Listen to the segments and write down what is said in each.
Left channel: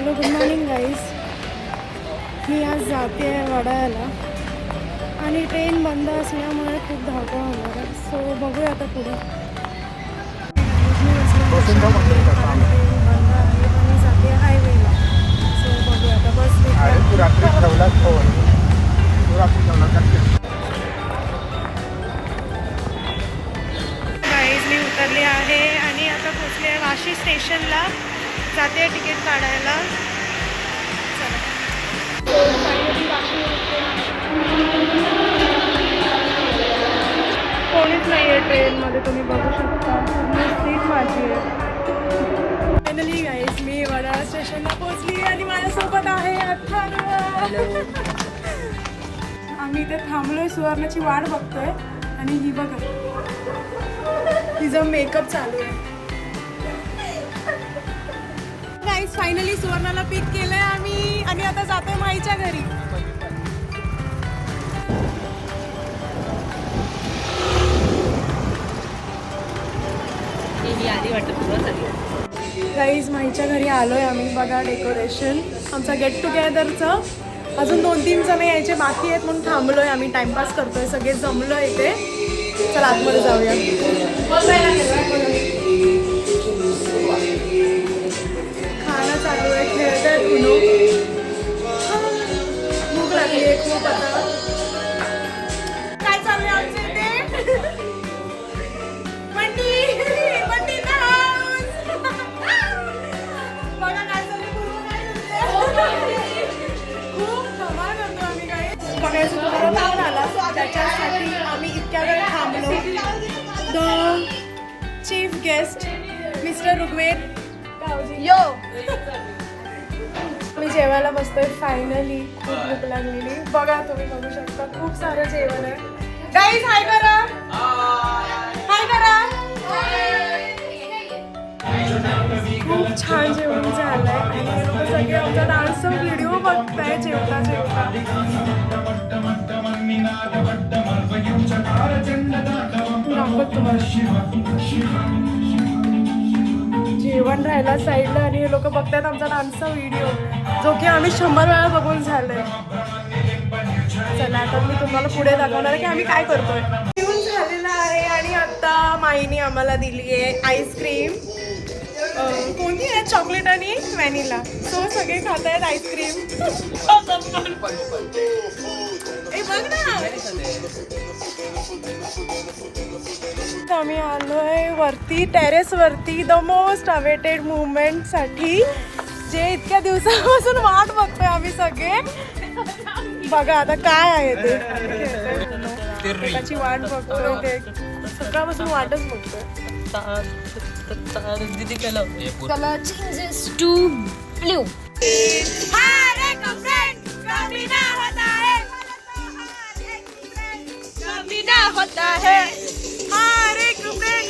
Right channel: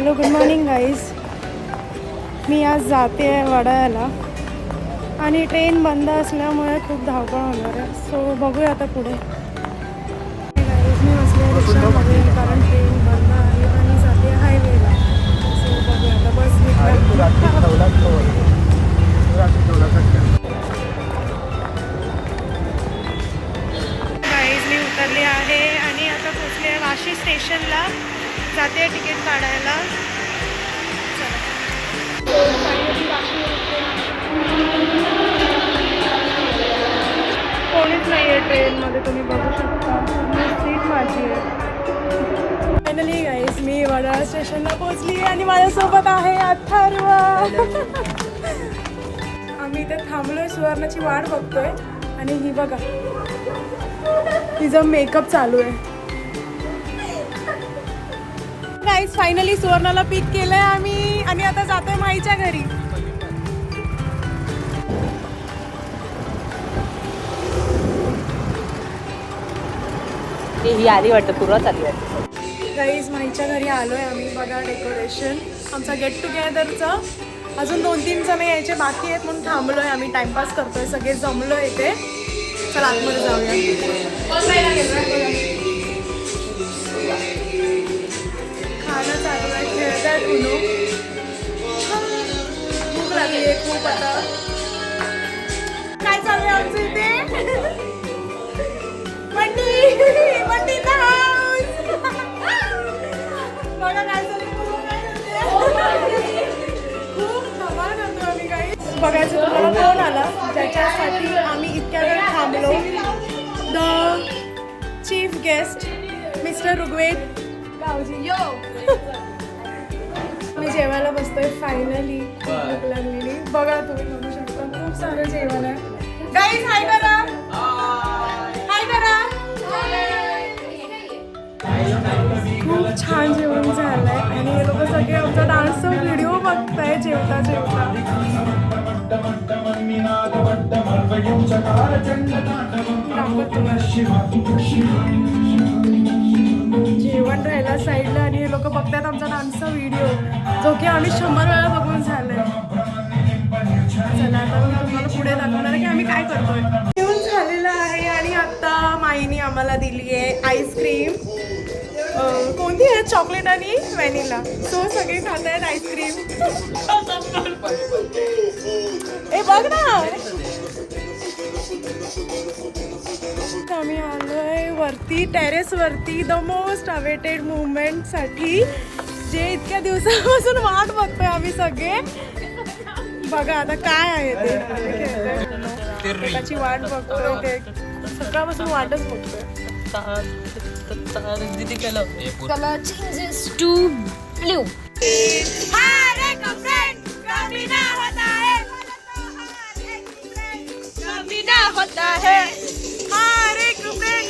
Hello good morning guys. मी आज जाते आहे वडाळ्याला आणि ट्रेन बंद असल्यामुळे खूप धावपळ होणार आहे. सो बघूया आता पुढे. गाईज मी बसले रिक्षामध्ये कारण ट्रेन बंद आहे आणि जाते हायवेला. सो बघूया आता बस गाईज मी उतरली आहे आणि आता पोचले आहे वाशी स्टेशनला. जाते तिकीट काढायला. कोणीच नाही आहे ट्रेनमध्ये, तुम्ही बघू शकता. सीट माझी आहे. फायनली गाईज मी वडाळा स्टेशनला पोहोचली आणि माझ्यासोबत आहे अथर्व. आम्ही इथे थांबलोय, सुवर्णाची वाट बघतोय आणि ही बघा तिचा मेकअप चालू आहे. गाईज फायनली सुवर्णाला पिक केलंय आम्ही आणि आता जातोय माईच्या घरी. गाईज माईच्या घरी आलोय आम्ही. बघा डेकोरेशन आमचा गेट टुगेदरचं. अजून 2-3 जण यायचे बाकी आहेत म्हणून थांबलोय आम्ही. टाइमपास करतोय, सगळे जमलोय इथे. चला आतमध्ये जाऊया. खाणं चालू आहे, खेळतायत उनो. भूक लागली आहे खूप आता. काय चालू आहे आमचं इथे? बंटी बघा काय चालू. खूप धमाल करतो आम्ही. काही बघायचं तुम्हाला कोण आला त्याच्यासाठी आम्ही इतक्या वेळ थांबलो. The chief guest mister Rigved गावजी. यो मी जेवायला बसतोय फायनली. खूप भूक लागलेली. बघा तुम्ही बघू शकता खूप सारं जेवण आहे. गाईज हाय करा, हाय करा. खूप छान जेवण झालंय आणि हे लोक सगळे आमचा डान्सचा व्हिडिओ बघताय जेवता जेवता. दाखवत तुम्हाला जेवण राहिला साईडला आणि हे लोक बघतायत आमचा डान्सचा व्हिडिओ, जो की आम्ही 100 वेळा बघून झालंय. चला आता मी तुम्हाला पुढे दाखवणार आहे की आम्ही काय करतोय. जेवण झालेलं आहे आणि आता माईने आम्हाला दिली आहे आईस्क्रीम. कोणती आहे? चॉकलेट आणि व्हॅनिला. सो सगळे खात आहेत आईस्क्रीम. ए बघ ना, आम्ही आलोय वरती टेरेस वरती द मोस्ट अवेटेड मुवमेंट साठी, जे इतक्या दिवसापासून वाट बघतोय आम्ही सगळे. बघा आता काय आहे ते. खेळतोय, त्याची वाट बघतोय. ते सकाळपासून वाटच बघतोय. Color changes to blue. हर एक फ्रेंड कभी ना होता है, कभी ना होता है हर एक फ्रेंड.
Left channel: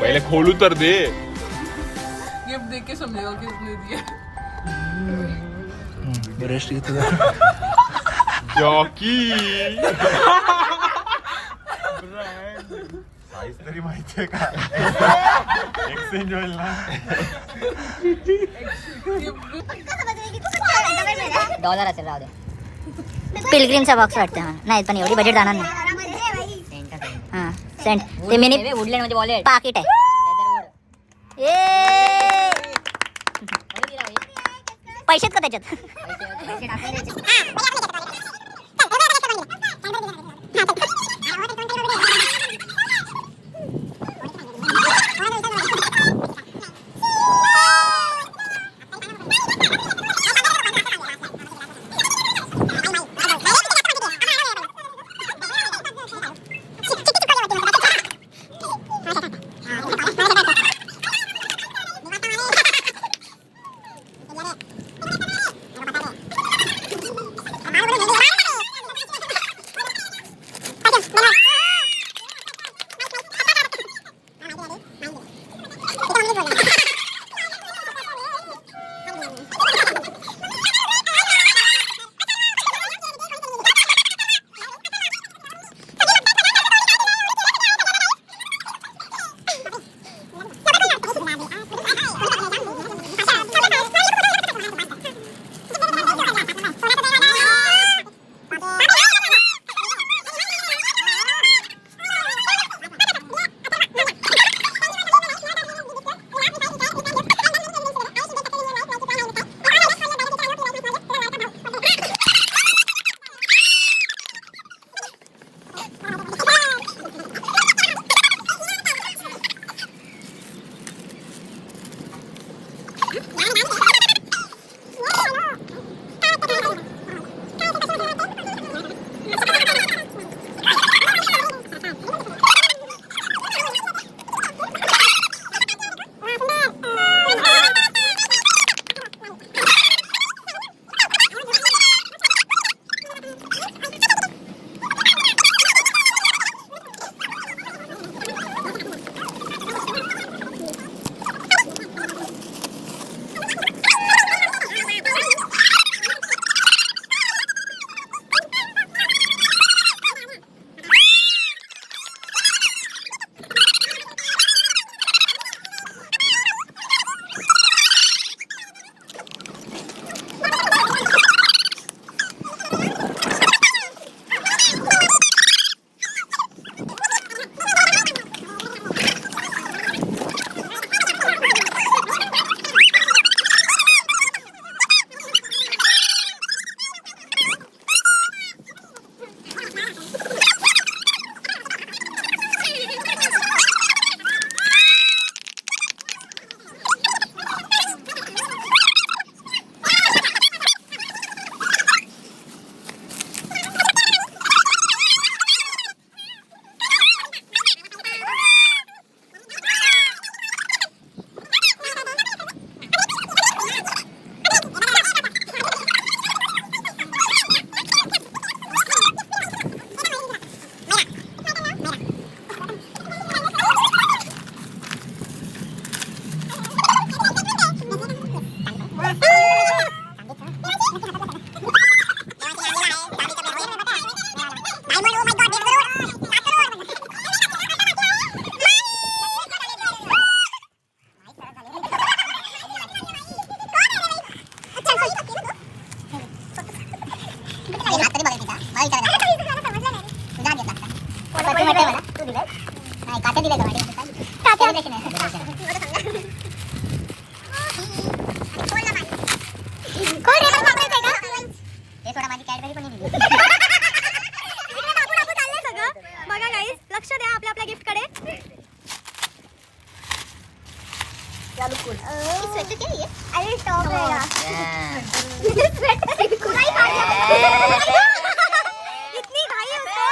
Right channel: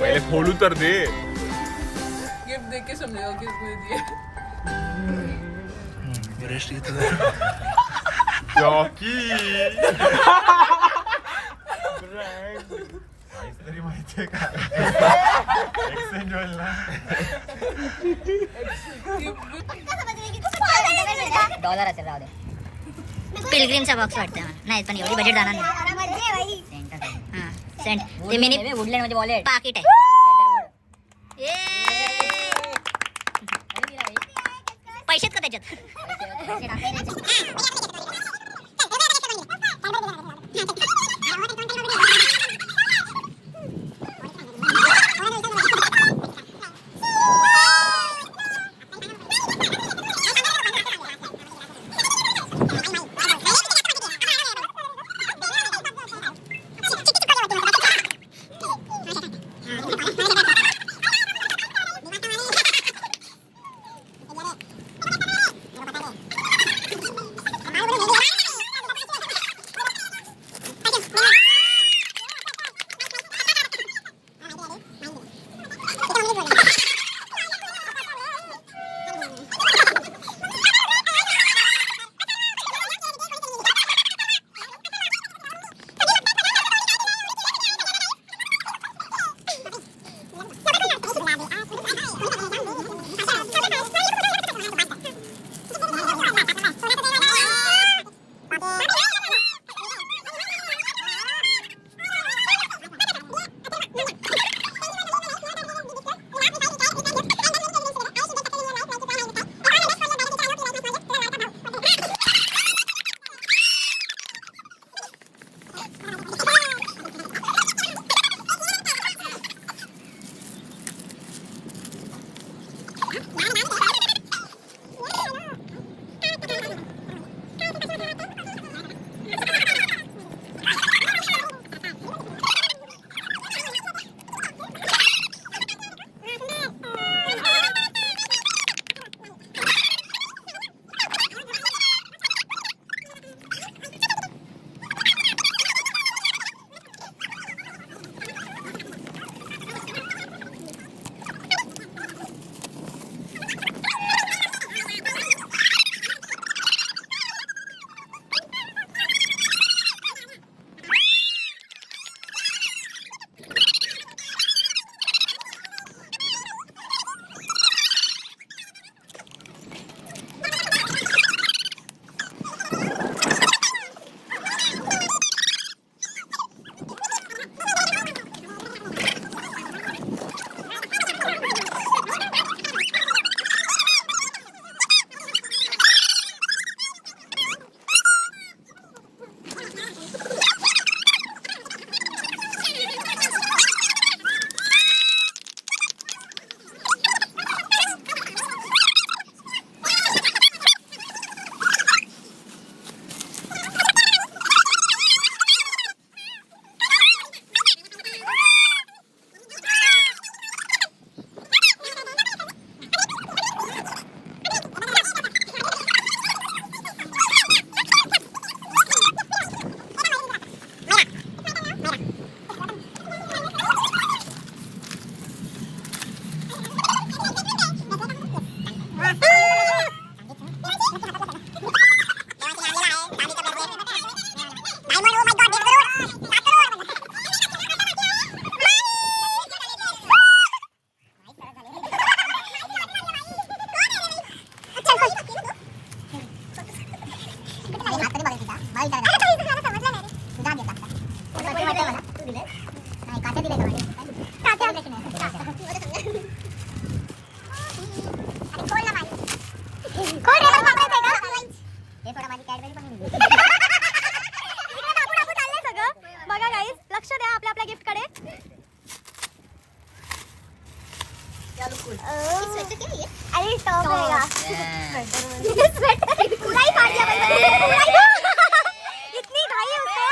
पहले खोलू तर दे. गिफ्ट देख के समझेगा किसने दिया. जॉकी काहीच तरी माहितीये का? एक्सचेंज होईल ना. $1 असेल. राहू दे. पिलग्रीमचा बॉक्स वाटतं मला. नाही पण एवढी बजेट जाणार नाही. हां सेंट ते मिनी वुडलँड मध्ये वॉलेट पाकिट आहे. पैसेच का त्याच्यात? बघा गाईज, लक्ष द्या आपल्या आपल्या गिफ्ट कडे. इतनी घाई है उसको.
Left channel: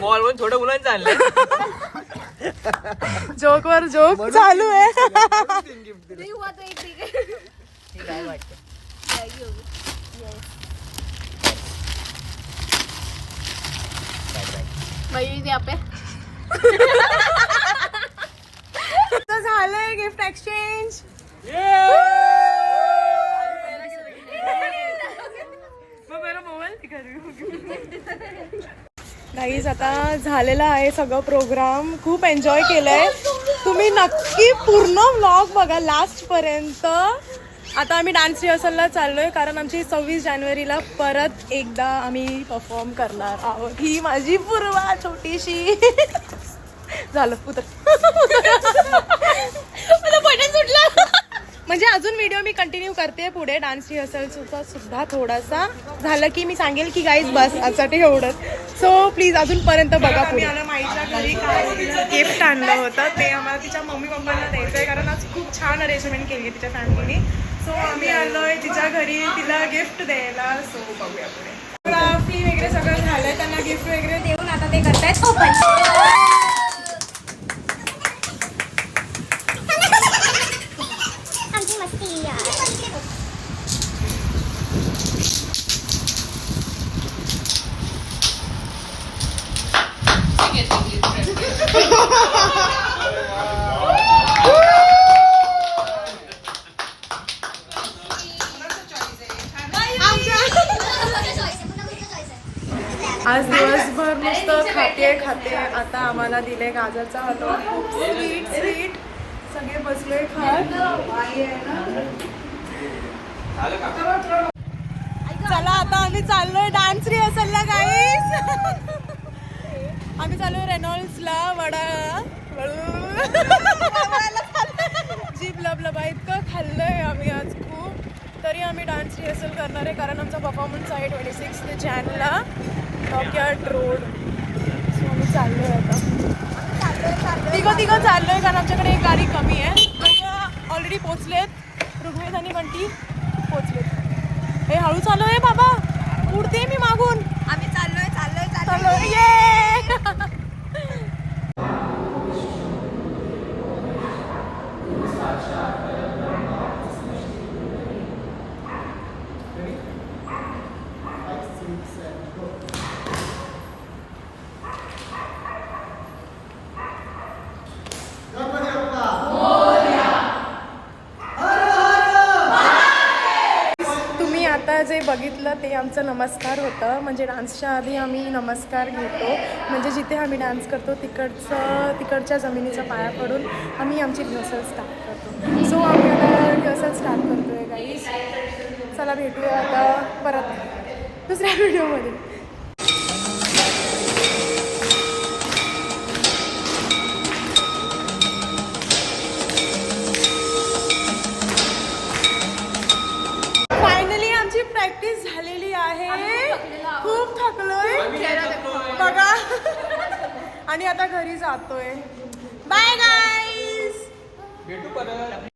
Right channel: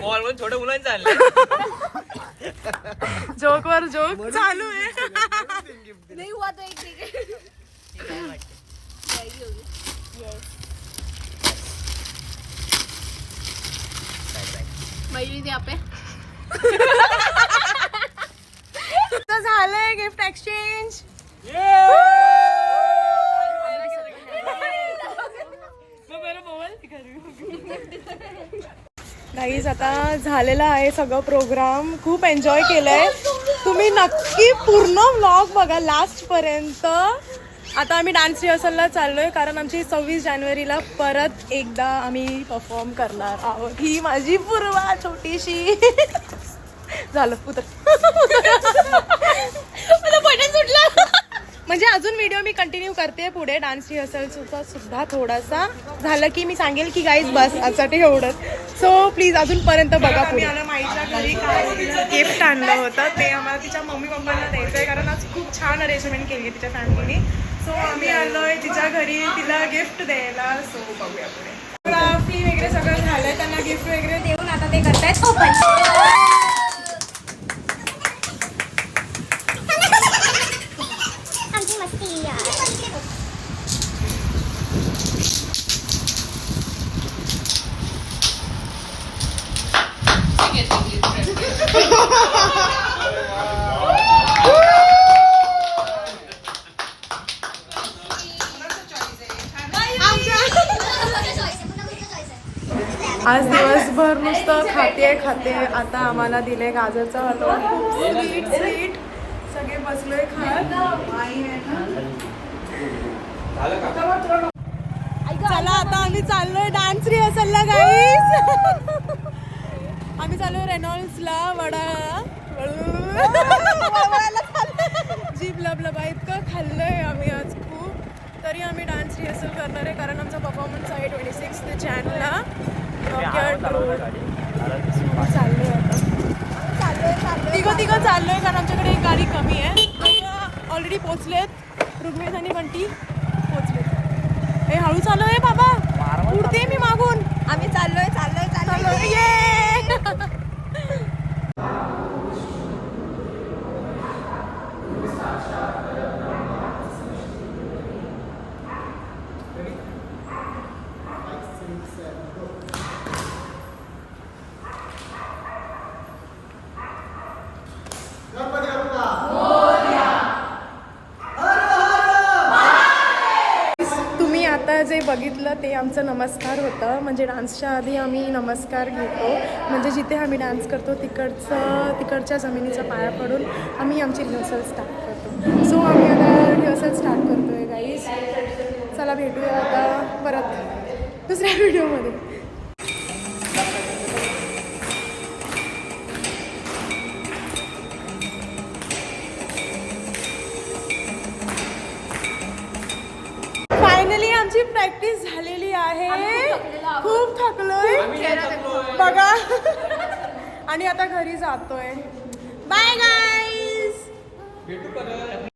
मॉलवरून छोट्या मुलांचं आणलं. जोक वर जोक चालू आहे. तर झालंय गिफ्ट एक्सचेंज. गाईज आता झालेला आहे सगळं प्रोग्राम. खूप एन्जॉय केलंय. तुम्ही नक्की पूर्ण व्लॉग बघा लास्ट पर्यंत. आता आम्ही डान्स रिहर्सलला चाललोय कारण आमची 26 जानेवारीला परत एकदा आम्ही परफॉर्म करणार आहोत. ही माझी पूर्वा छोटीशी. झालं उतर. मला बटन सुटलं. म्हणजे अजून व्हिडिओ मी कंटिन्यू करते पुढे डान्स रिहर्सलचा सुद्धा थोडासा. झालं की मी सांगेल की गाईज बस आजसाठी एवढंच. सो प्लीज अजूनपर्यंत बघा. पुढे आम्हाला माईच्या घरी काय गिफ्ट आणलं होतं ते आम्हाला तिच्या मम्मी पप्पांना द्यायचं आहे कारण आज खूप छान अरेंजमेंट केली आहे तिच्या फॅमिलीने. सो आम्ही आलोय तिच्या घरी तिला गिफ्ट द्यायला. सो बघूया पुढे. फोटोग्राफी वगैरे सगळं झालंय. त्यांना गिफ्ट वगैरे देऊन आता ते करतायत ओपन. आज दिवसभर नुसतं खाते. आता आम्हाला दिले गाजरचा हलवा. खूप स्वीट सगळे बसलोय खात. चला आता आम्ही चाललोय डान्स रिहर्सलला गाईस. आम्ही चाललोय रेनॉल्ड्सला. जीभ लबलबा इतकं खाल्लंय आम्ही आज खूप. तरी आम्ही डान्स रिहर्सल करणार आहे कारण आमचा परफॉर्मन्स आहे 26 जानेला डॉकयार्ड रोड. सो आम्ही चाललोय आता. तिघं चाललोय कारण आमच्याकडे एक गाडी कमी आहे. दोघं ऑलरेडी पोचलेत. ऋग्वेद आणि बंटी पोचलेत. हे हळू चालू आहे बाबा. उडते मी मागून. आम्ही चाललोय. ये आता जे बघितलं ते आमचं नमस्कार होतं. म्हणजे डान्सच्या आधी आम्ही नमस्कार घेतो. म्हणजे जिथे आम्ही डान्स करतो तिकडच्या जमिनीच्या पाया पडून आम्ही आमची रिहर्सल स्टार्ट करतो. सो आम्ही आता रिहर्सल स्टार्ट करतो आहे गाईज. चला भेटूया आता परत दुसऱ्या व्हिडिओमध्ये. फायनली आमची प्रॅक्टिस झालेली आहे. खूप थकलोय बघा. आणि आता घरी जातोय. Bye guys.